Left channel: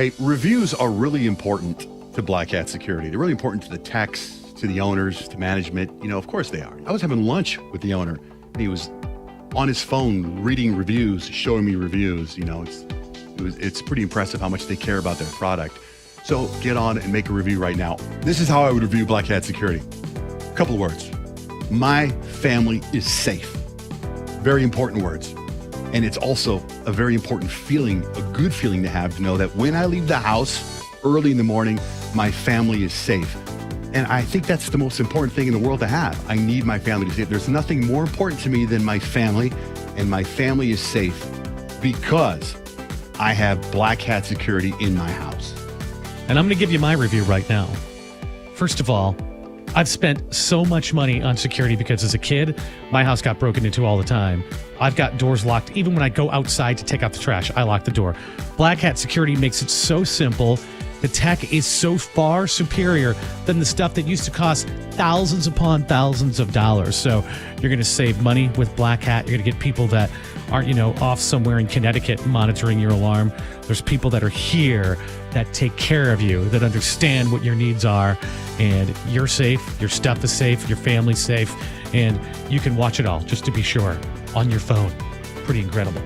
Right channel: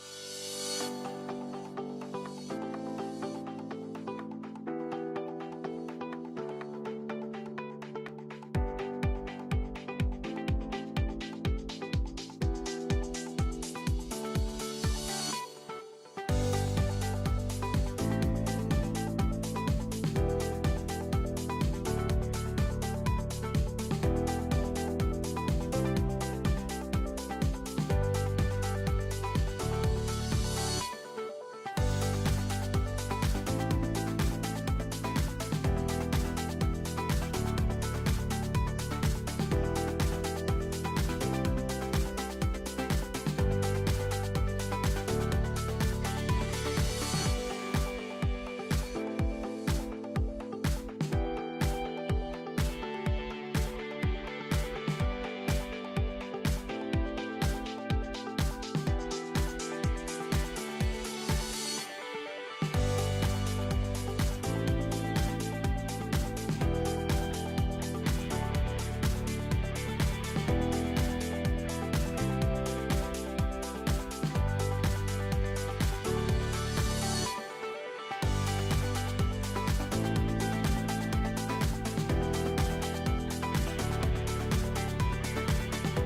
Hey, reviews are really important to Black Hat Security. They're really important to the techs, to the owners, to management. Of course they are. I was having lunch with the owner, and he was on his phone reading reviews, showing me reviews. It's pretty impressive how much they care about their product. So get on and make a review right now. This is how I would review Black Hat Security. A couple of words. My family is safe. Very important words. And it's also a very important feeling, a good feeling to have, to know that when I leave the house early in the morning, my family is safe. And I think that's the most important thing in the world to have. I need my family to be safe. There's nothing more important to me than my family, and my family is safe because I have Black Hat Security in my house. And I'm going to give you my review right now. First of all, I've spent so much money on security because as a kid, my house got broken into all the time. I've got doors locked. Even when I go outside to take out the trash, I lock the door. Black Hat Security makes it so simple. The tech is so far superior than the stuff that used to cost thousands upon thousands of dollars. So you're going to save money with Black Hat. You're going to get people that aren't, off somewhere in Connecticut monitoring your alarm. There's people that are here that take care of you, that understand what your needs are, and you're safe, your stuff is safe, your family's safe, and you can watch it all, just to be sure, on your phone. Pretty incredible.